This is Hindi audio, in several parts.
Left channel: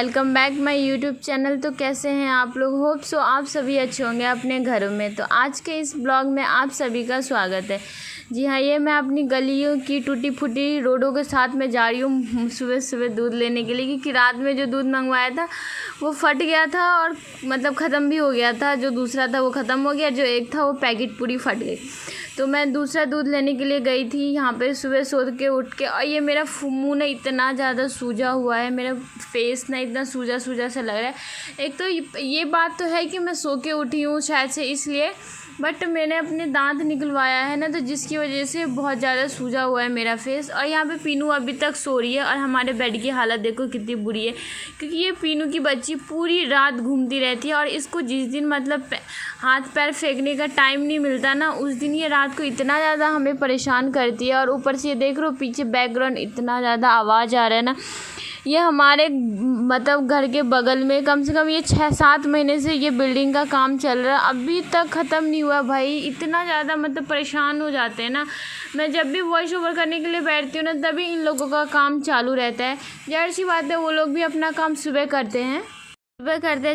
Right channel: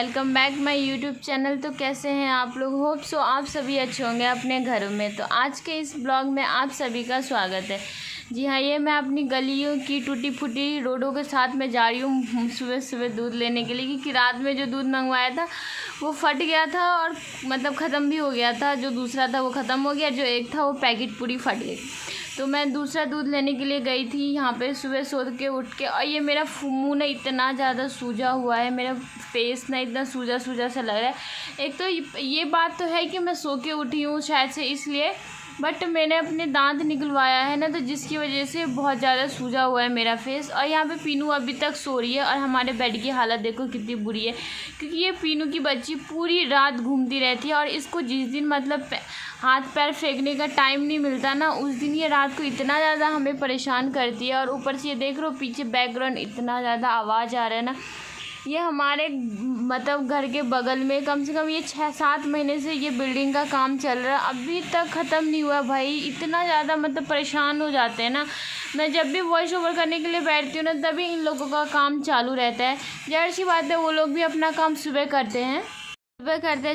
Welcome back my YouTube channel. तो कैसे हैं आप लोग? होप सो आप सभी अच्छे होंगे अपने घरों में। तो आज के इस ब्लॉग में आप सभी का स्वागत है। जी हाँ, ये मैं अपनी गलियों की टूटी फूटी रोडों के साथ में जा रही हूँ सुबह सुबह दूध लेने के लिए, क्योंकि रात में जो दूध मंगवाया था वो फट गया था और मतलब ख़त्म भी हो गया था। जो दूसरा था वो ख़त्म हो गया, जो एक था वो पैकेट पूरी फट गई। तो मैं दूसरा दूध लेने के लिए गई थी यहाँ पे सुबह सो के उठ के, और ये मेरा मुँह ना इतना ज़्यादा सूजा हुआ है, मेरा फेस ना इतना सूजा सूजा सा लग रहा है। एक तो ये बात तो है कि मैं सो के उठी हूँ शायद से इसलिए, बट मैंने अपने दांत निकलवाया है ना, तो जिसकी वजह से बहुत ज़्यादा सूजा हुआ है मेरा फेस। और यहाँ पे पीनू अभी तक सो रही है और हमारे बेड की हालत देखो कितनी बुरी है, क्योंकि ये पीनू की बच्ची पूरी रात घूमती रहती है और इसको जिस दिन मतलब हाथ पैर फेंकने का टाइम नहीं मिलता ना, उस दिन ये रात को इतना ज़्यादा हमें परेशान करती है। और ऊपर से ये देख रहे हो पीछे बैकग्राउंड इतना ज़्यादा आवाज़ आ रहा है ना। ये हमारे मतलब घर के बगल में कम से कम ये 6-7 महीने से ये बिल्डिंग का काम चल रहा है, अभी तक ख़त्म नहीं हुआ। भाई इतना ज़्यादा मतलब परेशान हो जाते हैं ना। मैं जब भी वॉइस ओवर करने के लिए बैठती हूँ ना, तभी इन लोगों का काम चालू रहता है। ज़ाहिर सी बात है वो लोग भी अपना काम सुबह करते हैं,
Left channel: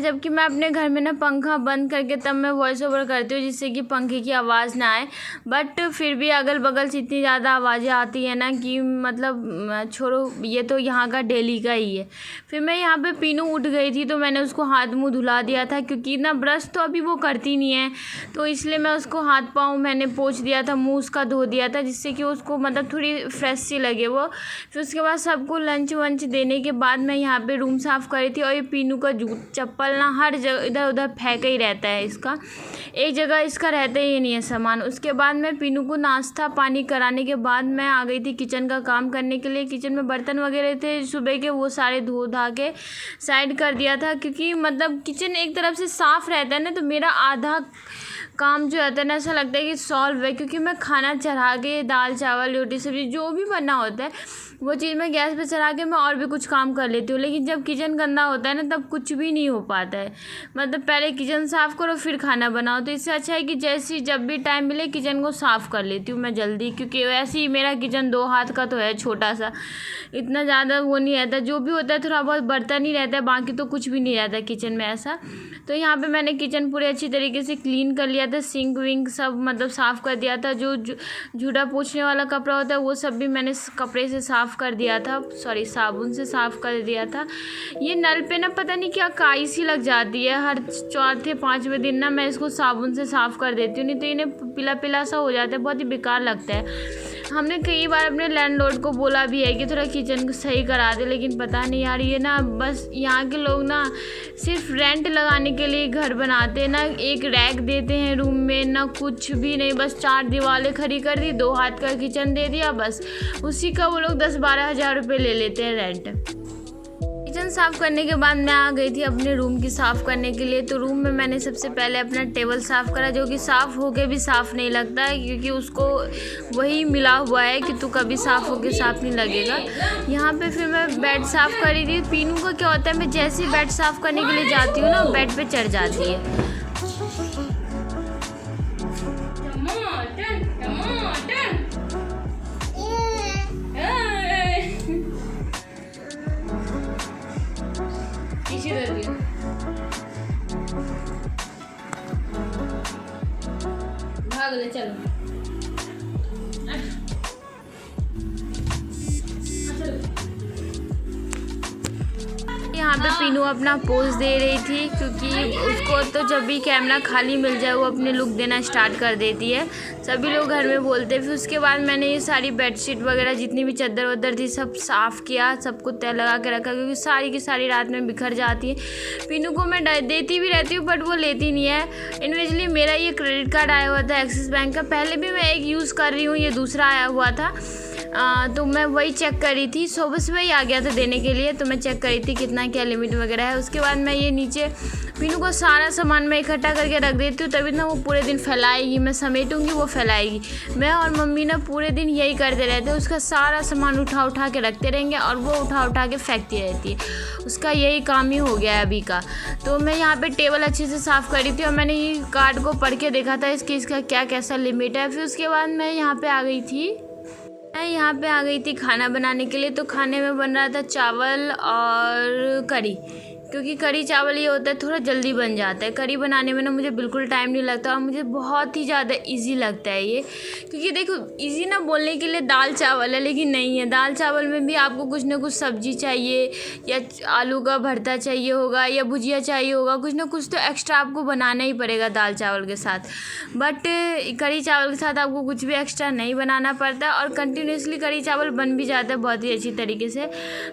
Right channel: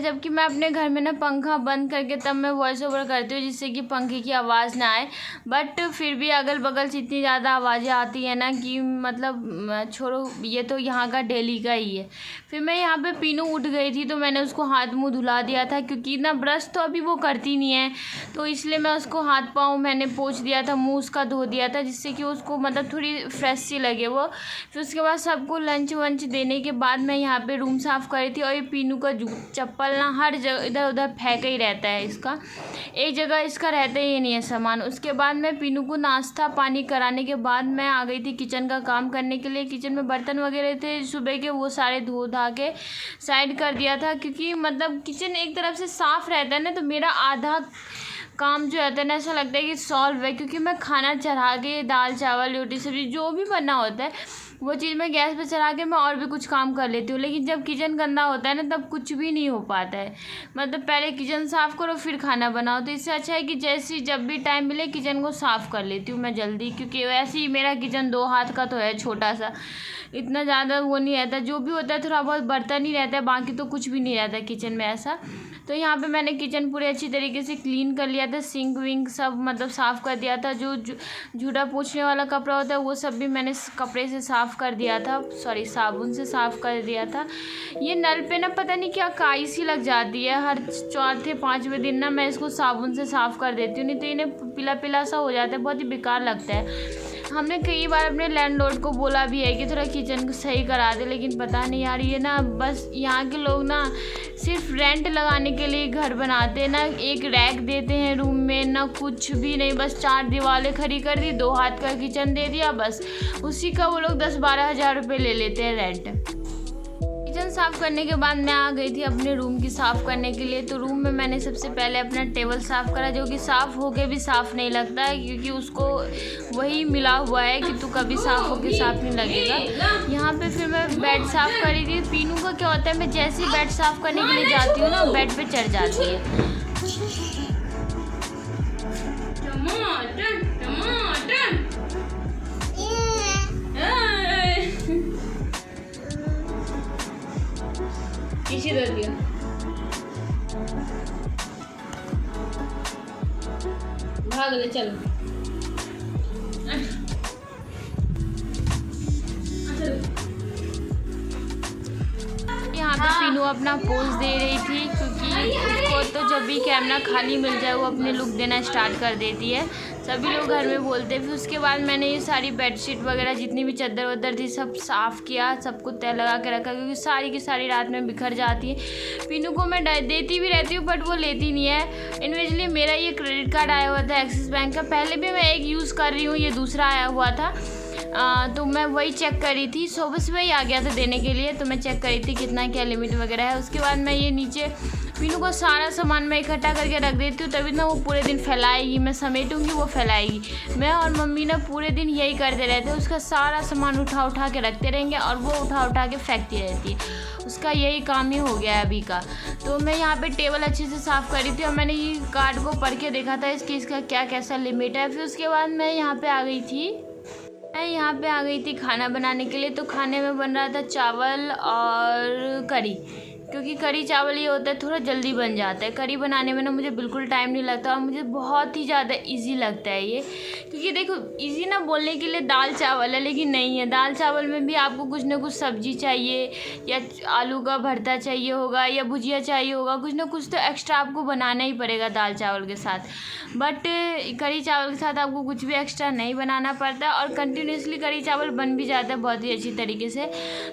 जबकि मैं अपने घर में ना पंखा बंद करके तब मैं वॉइस ओवर करती हूँ, जिससे कि पंखे की आवाज़ ना आए। बट फिर भी अगल बगल से इतनी ज़्यादा आवाज़ें आती है ना कि मतलब छोड़ो, ये तो यहाँ का डेली का ही है। फिर मैं यहाँ पे पीनू उठ गई थी तो मैंने उसको हाथ मुंह धुला दिया था, क्योंकि ना ब्रश तो अभी वो करती नहीं है, तो इसलिए मैं उसको हाथ पाँव मैंने पोंछ दिया था, मुँह उसका धो दिया था, जिससे कि उसको मतलब थोड़ी फ्रेश सी लगे वो। फिर उसके बाद सबको लंच वंच देने के बाद मैं यहाँ पे रूम साफ़ कर रही थी। और ये पीनू का चप्पल ना हर जगह इधर उधर फेंका ही रहता है, इसका एक जगह इसका रहता ही नहीं है सामान। उसके बाद मैं पीनू को नाश्ता पानी कराने के बाद मैं आ गई थी किचन का काम करने के लिए। किचन में बर्तन वगैरह थे सुबह के, वो सारे धो धा के साइड कर दिया था, क्योंकि मतलब किचन एक तरफ से साफ़ रहता है ना, तो मेरा आधा काम जो रहता है ना ऐसा लगता है कि सॉल्व है। क्योंकि मैं खाना चढ़ा के दाल चावल रोटी सब्ज़ी जो भी बनना होता है वो चीज़ मैं गैस पे चढ़ा के मैं और भी कुछ काम कर लेती हूँ, लेकिन जब किचन गंदा होता है ना तब कुछ भी नहीं हो पाता है। मतलब पहले किचन साफ़ करो फिर खाना बनाओ, तो इससे अच्छा है कि जैसी जब भी टाइम मिले किचन को साफ़ कर लेती हूँ मैं जल्दी, क्योंकि वैसे ही मेरा किचन 2 हाथ का तो है, छोटा सा, इतना ज़्यादा वो नहीं रहता। जो भी होता है थोड़ा बहुत बर्तन ही रहता है, बाकी तो कुछ भी नहीं रहता किचन में ऐसा। तो यहाँ पे मैंने किचन पूरे अच्छी तरीके से क्लीन कर लिया था, सिंक विंक सब मतलब साफ़ कर दिया था। जो जूड़ा पोंछने वाला कपड़ा होता है वो सब भी मैंने कपड़े से साफ़ कर दिया था, सॉरी साबुन से साफ़ कर दिया था। ये नल पे ना पता नहीं क्या काई सी लग जाती है, हर 4-5वें दिन ना मैं इसको साबुन से साफ़ कर देती हूँ, नहीं तो इन्हें पीला पीला सा हो जाता है, बहुत ही बेकार लगता है। हमने कई बार अपने लैंडलॉर्ड को बोला भी है कि थोड़ा किचन को सही करा दे, लेकिन पता नहीं यार, ये ना बस यहाँ के लोग ना सिर्फ रेंट लगाने के लिए घर बनाते हैं ना। एक रैक देते हैं रूम में, ना कुछ भी नहीं, बस 4 दीवारें खड़ी कर दी, 2 हाथ का किचन दे दिया, बस उसी का वो लोग 10-12 हज़ार रुपये ले लेते हैं रेंट। किचन साफ़ करने के बाद मैं आ गई थी अपने रूम की साफ़ करने के लिए। तो रूम में मैंने सबसे पहले अपना टेबल साफ़ करा, जो कि साफ़ होके भी साफ़ नहीं लगता है, क्योंकि उसको वही मिला हुआ है कि तू कभी साफ़ होके साफ़ नहीं लगेगा। यहाँ पे फिर मैं बेड साफ़ कर रही थी। पीनू का क्या होता है, मैं जैसे ही बेड साफ़ करने के लिए जाती हूँ ना बेड पर चढ़ जाती है। भाग ले चलो। यहाँ पे पीनू अपना पोज दे रही थी, क्योंकि उसको तो जब भी कैमरा खाली मिल जाए वो अपने लुक देना स्टार्ट कर देती है। सभी लोग घर में बोलते हैं। फिर उसके बाद मैंने ये सारी बेडशीट वगैरह जितनी भी चादर वदर थी सब साफ़ किया, सबको तय लगा के रखा, क्योंकि सारी की सारी रात में बिखर जाती है। पीनू को मैं देती भी रहती हूँ बट वो लेती नहीं है। इन्वेजली मेरा ये क्रेडिट कार्ड आया हुआ था एक्सिस बैंक का, पहले भी मैं एक यूज़ कर रही हूँ, ये दूसरा आया हुआ था। तो मैं वही चेक करी थी, सुबह ही आ गया था देने के लिए, तो मैं चेक करी थी कितना क्या लिमिट वगैरह है। उसके बाद मैं ये नीचे पीनू को सारा सामान मैं इकट्ठा करके रख देती हूँ, तभी ना वो पूरे दिन फैलाएगी, मैं समेटूंगी वो फैलाएगी। मैं और मम्मी ना पूरे दिन यही करते रहते हैं, उसका सारा सामान उठा उठा के रखते रहेंगे और वो उठा उठा के फेंकती रहती है। उसका यही काम ही हो गया है अभी का। तो मैं यहाँ पे टेबल अच्छे से साफ़ करी थी और मैंने ये कार्ड को पढ़ के देखा था इसका क्या कैसा लिमिट है। फिर उसके बाद मैं यहाँ पे आ गई थी मैं यहाँ पे आ गई थी खाना बनाने के लिए। तो खाने में बन रहा था चावल और कढ़ी, क्योंकि कढ़ी चावल ये होता है थोड़ा जल्दी बन जाता है। कढ़ी बनाने में ना मुझे बिल्कुल टाइम नहीं लगता और मुझे बहुत ही ज़्यादा इजी लगता है ये। क्योंकि देखो इजी ना बोलने के लिए दाल चावल है, लेकिन नहीं है। दाल चावल में भी आपको कुछ ना कुछ सब्जी चाहिए, या आलू का भरता चाहिए होगा, या भुजिया चाहिए होगा, कुछ ना कुछ तो एक्स्ट्रा आपको बनाना ही पड़ेगा दाल चावल के साथ। बट कढ़ी चावल के साथ आपको कुछ भी एक्स्ट्रा नहीं बनाना पड़ता और कंटिन्यूसली कढ़ी चावल बन भी जाता है बहुत ही अच्छी तरीके से।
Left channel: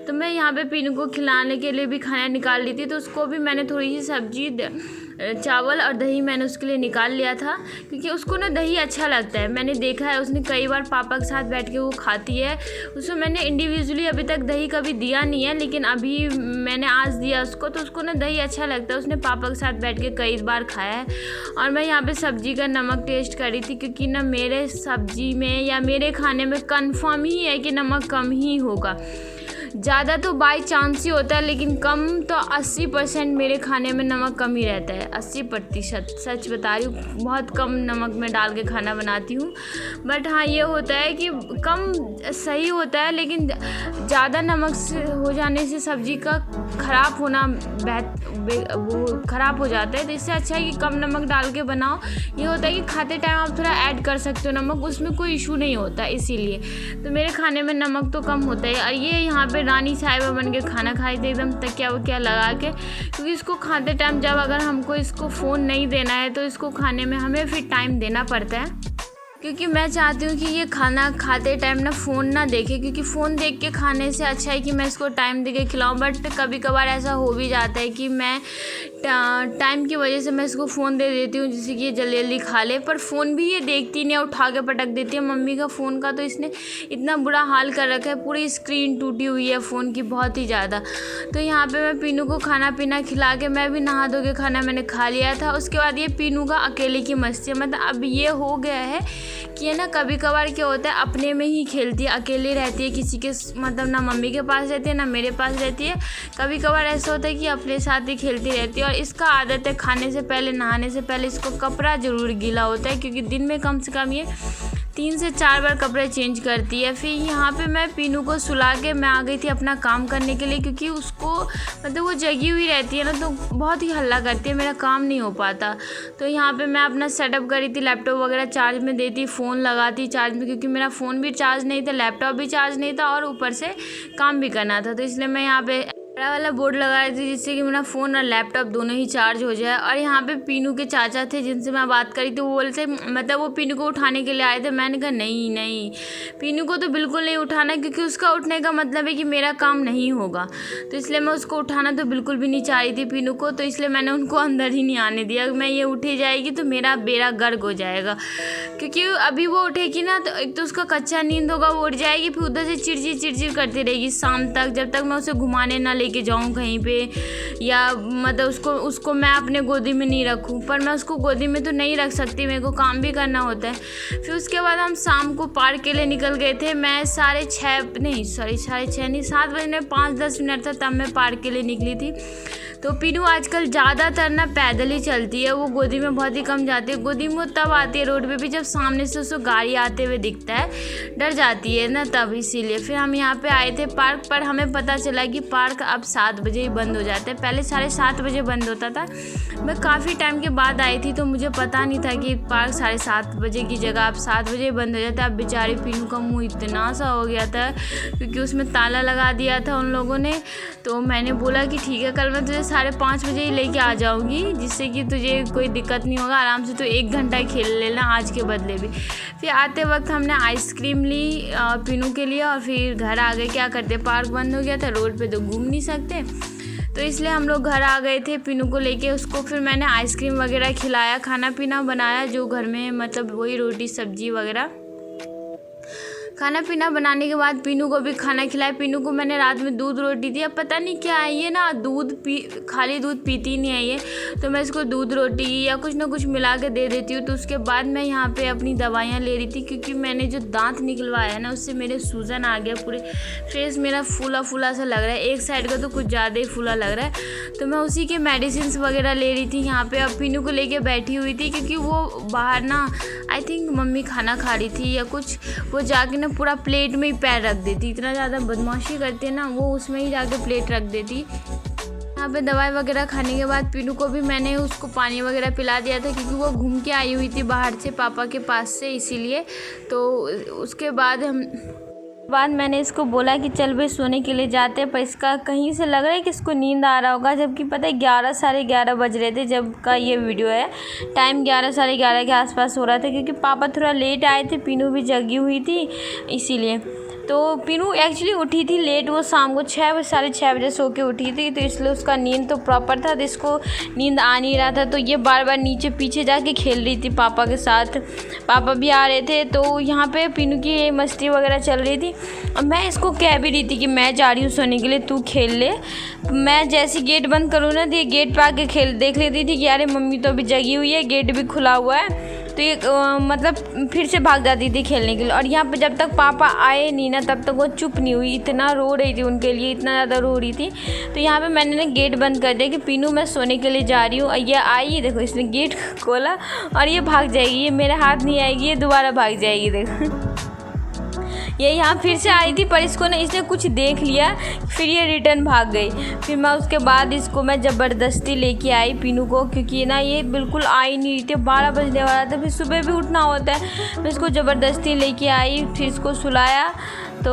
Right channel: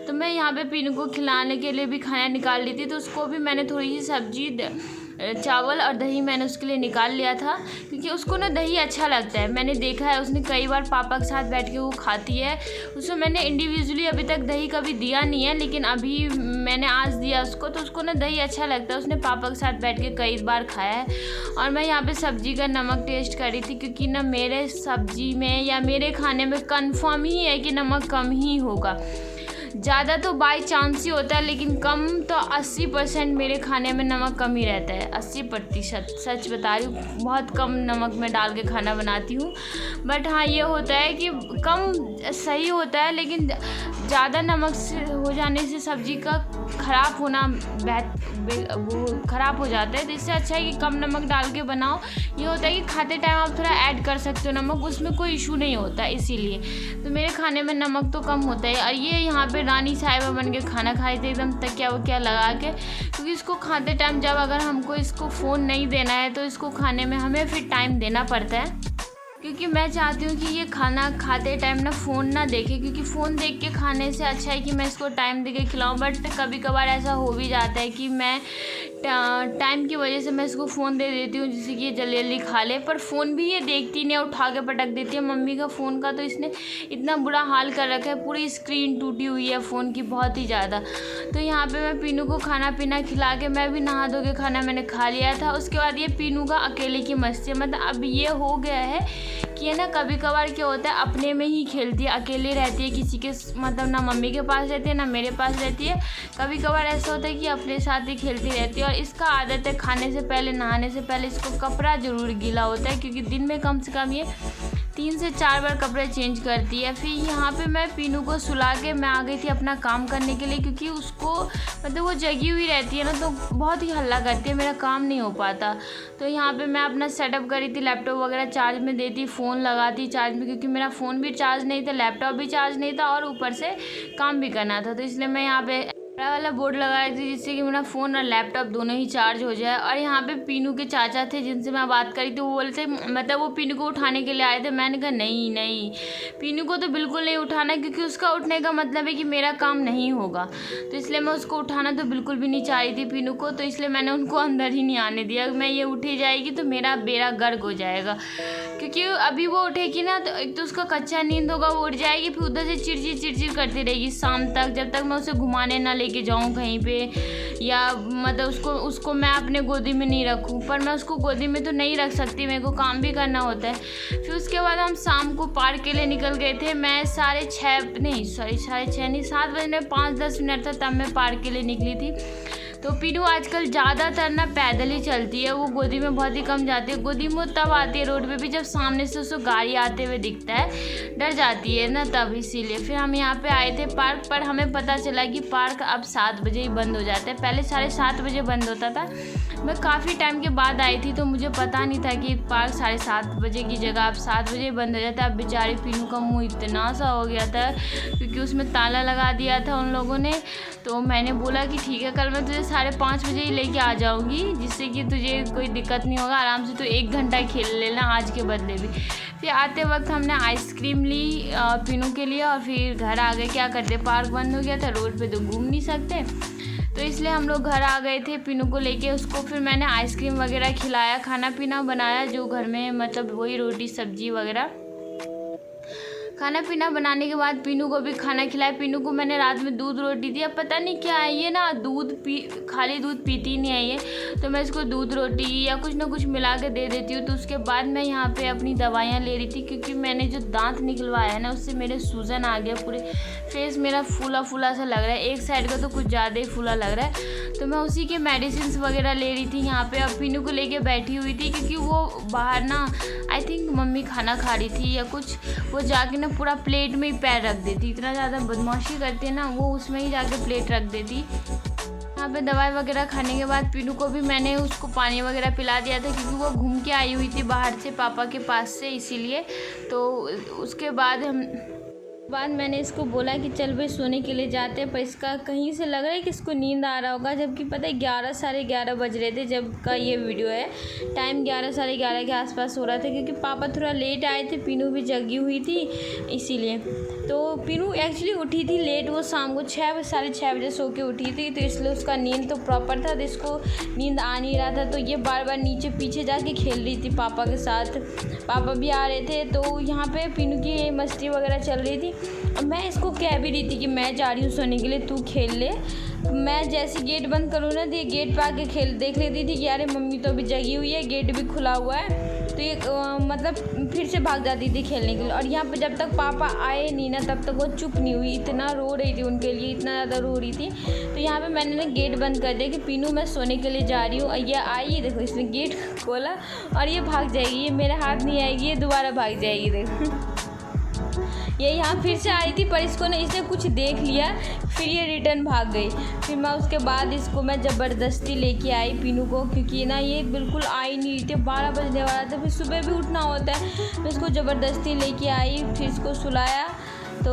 तो मैं यहाँ पे पीनू को खिलाने के लिए भी खाना निकाल ली थी, तो उसको भी मैंने थोड़ी सी सब्जी, चावल और दही मैंने उसके लिए निकाल लिया था, क्योंकि उसको ना दही अच्छा लगता है। मैंने देखा है उसने कई बार पापा के साथ बैठ के वो खाती है। उसमें मैंने इंडिविजुअली अभी तक दही कभी दिया नहीं है, लेकिन अभी मैंने आज दिया उसको, तो उसको ना दही अच्छा लगता है। उसने पापा के साथ बैठ के कई बार खाया है। और मैं यहाँ पे सब्ज़ी का नमक टेस्ट करी थी, क्योंकि ना मेरे सब्ज़ी में या मेरे खाने में कंफर्म ही है कि नमक कम ही होगा। ज़्यादा तो बाई चांस ही होता है, लेकिन कम तो 80% मेरे खाने में नमक कम ही रहता है। 80%, सच बता रही हूँ, बहुत कम नमक में डाल के खाना बनाती हूँ। बट हाँ ये होता है कि कम सही होता है, लेकिन ज़्यादा नमक से हो जाने से सब्ज़ी का ख़राब होना वो ख़राब हो जाता है। तो इससे अच्छा है कि कम नमक डाल के बनाओ। ये होता है कि खाते टाइम आप थोड़ा ऐड कर सकते हो नमक, उसमें कोई इशू नहीं होता। इसीलिए तो मेरे खाने में नमक तो कम होता है। और ये यहाँ पे रानी साहिबा बन के खाना खाई थी एकदम तकिया वकिया लगा के, क्योंकि इसको खाते टाइम जब अगर हमको इसको फ़ोन नहीं देना है तो इसको खाने में हमें फिर टाइम देना पड़ता है। क्योंकि मैं चाहती हूँ कि ये खाना खाते टाइम ना फ़ोन ना देखे, क्योंकि फ़ोन देख के खाने से अच्छा है कि मैं इसको टाइम दे के खिलाऊँ। बट कभी कभार ऐसा हो भी जाता है कि मैं टाइम की वजह से मैं इसको फ़ोन दे देती हूँ, जिससे कि ये जल्दी जल्दी खा ले। पर फ़ोन भी ये देखती नहीं है, उठा के पटक देती है। मम्मी का फ़ोन का तो इसने इतना बुरा हाल कर रखा है, पूरी स्क्रीन टूटी हुई है फ़ोन की बहुत ही ज़्यादा। तो यहाँ पे मैं पीनू को खाना पीना खिला के मैं भी नहा धो के खाना मैंने खा लिया था। उसके बाद ये पीनू का अकेले की मस्ती है। मतलब अब ये हो गया है कि है ना, कभी कभार क्या होता है अपने में ही खेलती है, अकेले रहती है, किसी के मतलब ना मम्मी के पास रहती है ना मेरे पास रहती है। कभी कभार ऐसा होता है कि अपने साथ ही खेलती रहती है। और इसका आदत है खाने से पहले, नहाने से पहले इसको कपड़ा ज़रूर गीला होता है, क्योंकि दिन में कम से कम ये 3 से 4 बार कपड़े चेंज करती है। फिर यहाँ पे मैं पीनू को सुला के मैं आ गई थी अपना काम करने के लिए, क्योंकि उसको मतलब वो जगी हुई रहती है ना, तो बहुत ही हल्ला करती है, मेरा काम नहीं हो पाता। तो यहाँ पे मैं अपना सेटअप करी थी, लैपटॉप वगैरह चार्ज में देती, फ़ोन लगाती चार्ज में, क्योंकि मेरा फ़ोन भी चार्ज नहीं था, लैपटॉप भी चार्ज नहीं था और ऊपर से काम भी करना था। तो इसलिए मैं यहाँ पे बड़ा वाला बोर्ड लगा रही थी, जिससे कि मेरा फ़ोन और लैपटॉप दोनों ही चार्ज हो जाए। और यहाँ पे पीनू के चाचा थे जिनसे मैं बात करी, तो वो बोलते मतलब वो पीनू को उठाने के लिए आए थे। मैंने कहा नहीं नहीं, पीनू को तो बिल्कुल नहीं उठाना, क्योंकि उसका उठने का मतलब है कि मेरा काम नहीं होगा। तो इसलिए मैं उसको उठाना तो बिल्कुल भी नहीं चाह रही थी पीनू को, तो इसलिए मैंने उनको अंदर ही नहीं आने दिया। मैं ये उठी जाएगी तो मेरा बेड़ा गर्क हो जाएगा, क्योंकि अभी वो उठेगी ना तो एक तो उसका कच्चा नींद होगा, वो उठ जाएगी, फिर उधर से चिड़चिड़ करती रहेगी शाम तक, जब तक मैं उसे घुमाने ना लेके जाऊँ कहीं पे, या मतलब उसको मैं अपने गोदी में नहीं रखूँ। पर मैं उसको गोदी में तो नहीं रख सकती, मेरे को काम भी करना होता है। फिर उसके बाद हम शाम को पार्क के लिए निकल गए थे। मैं 7:30 नहीं 7 बजे में 5-10 मिनट था तब मैं पार्क के लिए निकली थी। तो पीनू आजकल ज़्यादातर ना पैदल ही चलती है, वो गोदी में बहुत ही कम जाती है। गोदी में वो तब आती है रोड पे भी जब सामने से उसको गाड़ी आते हुए दिखता है, डर जाती है ना तब, इसीलिए। फिर हम यहाँ पे आए थे पार्क पर, हमें पता चला कि पार्क अब 7 बजे ही बंद हो जाता है, पहले 7:30 बजे बंद होता था। मैं काफ़ी टाइम के बाद आई थी तो मुझे पता नहीं था कि पार्क 7:30 बजे की जगह अब 7 बजे बंद हो जाता है। अब बेचारी पीनू का मुँह इतना सा हो गया था, क्योंकि उसमें ताला लगा दिया था उन लोगों ने। तो मैंने बोला कि ठीक है, कल मैं तुझे 5:30 बजे ही लेके आ जाऊंगी, जिससे कि तुझे कोई दिक्कत नहीं होगा, आराम से तो 1 घंटा खेल लेना आज के बदले भी। फिर आते वक्त हमने आइसक्रीम ली पीनू के लिए और फिर घर आ गए। क्या करते, पार्क बंद हो गया था, रोड पे तो घूम नहीं सकते, तो इसलिए हम लोग घर आ गए थे पीनू को लेके। उसको फिर मैंने आइसक्रीम वगैरह खिलाया, खाना पीना बनाया जो घर में, मतलब वही रोटी सब्जी वगैरह। खाना पीना बनाने के बाद पीनू को भी खाना खिलाया। पीनू को मैंने रात में दूध रोटी दी। अब पता नहीं क्या है ये ना, खाली दूध पीती नहीं है ये, तो मैं इसको दूध रोटी या कुछ ना कुछ मिला के दे देती हूँ। तो उसके बाद मैं यहाँ पे अपनी दवाइयाँ ले रही थी, क्योंकि मैंने जो दांत निकलवाया है ना उससे मेरे सूजन आ गया, पूरे फेस मेरा फूला फूला सा लग रहा है, एक साइड का तो कुछ ज़्यादा ही फूला लग रहा है। तो मैं उसी के मेडिसिन वगैरह ले रही थी यहाँ पे। अब पीनू को लेके बैठी हुई थी, क्योंकि वो बाहर ना आई थिंक मम्मी खाना खा रही थी या कुछ, वो जाके ना पूरा प्लेट में ही पैर रख देती, इतना ज़्यादा बदमाशी करती है ना वो, उसमें ही जाके प्लेट रख देती। यहाँ पे दवाई वगैरह खाने के बाद पीनू को भी मैंने उसको पानी वगैरह पिला दिया था, क्योंकि वो घूम के आई हुई थी बाहर से पापा के पास से, इसीलिए। तो उसके बाद मैंने इसको बोला कि चल भाई सोने के लिए जाते हैं, पर इसका कहीं से लग रहा है कि इसको नींद आ रहा होगा, जबकि पता है 11 साढ़े 11 बज रहे थे जब का ये वीडियो है। टाइम 11 साढ़े 11 के आसपास हो रहा था, क्योंकि पापा थोड़ा लेट आए थे, पीनू भी जगी हुई थी इसीलिए। तो पीनू एक्चुअली उठी थी लेट, वो शाम को 6 साढ़े 6 बजे सो के उठी थी, तो इसलिए उसका नींद तो प्रॉपर था, तो इसको नींद आ नहीं रहा था। तो ये बार बार नीचे पीछे जाके खेल रही थी पापा के साथ, पापा भी आ रहे थे, तो यहाँ पे पीनू की मस्ती वगैरह चल रही थी। और मैं इसको कह भी रही थी कि मैं जा रही हूँ सोने के लिए, तू खेल ले। मैं जैसे गेट बंद करूँ ना, तो ये गेट पे आके देख लेती थी कि अरे मम्मी तो अभी जगी हुई है, गेट भी खुला हुआ है, तो ये मतलब फिर से भाग जाती थी खेलने के लिए। और यहाँ पे जब तक पापा आए नहीं ना, तब तक वो चुप नहीं हुई, इतना रो रही थी उनके लिए, इतना ज़्यादा रो रही थी। तो यहाँ पे मैंने ना गेट बंद कर दिया कि पीनू मैं सोने के लिए जा रही हूँ। और ये आई, देखो इसने गेट खोला और ये भाग जाएगी, ये मेरे हाथ नहीं आएगी, ये दोबारा भाग जाएगी। देखो ये यहाँ फिर से आई थी, पर इसको ना इसने कुछ देख लिया, फिर ये रिटर्न भाग गई। फिर मैं उसके बाद इसको मैं ज़बरदस्ती लेके आई पीनू को, क्योंकि ना ये बिल्कुल आई नहीं रही थी, 12 बजने वाला था, फिर सुबह भी उठना होता है। मैं इसको ज़बरदस्ती लेके आई, फिर इसको सुलाया, तो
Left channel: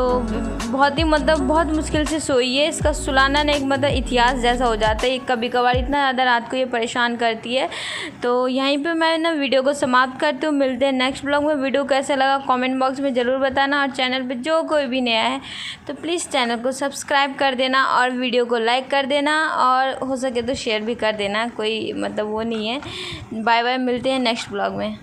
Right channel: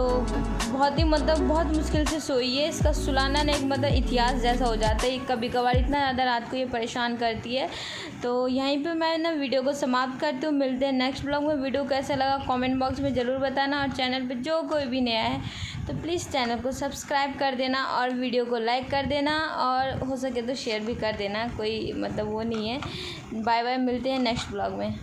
बहुत ही मतलब बहुत मुश्किल से सोई है। इसका सुलाना ना एक मतलब इतिहास जैसा हो जाता है, कभी कभार इतना ज़्यादा रात को ये परेशान करती है। तो यहीं पे मैं ना वीडियो को समाप्त करती हूँ, मिलते हैं नेक्स्ट ब्लॉग में। वीडियो कैसा लगा कमेंट बॉक्स में ज़रूर बताना, और चैनल पे जो कोई भी नया है तो प्लीज़ चैनल को सब्सक्राइब कर देना और वीडियो को लाइक कर देना, और हो सके तो शेयर भी कर देना, कोई मतलब वो नहीं है। बाय बाय, मिलते हैं नेक्स्ट ब्लॉग में।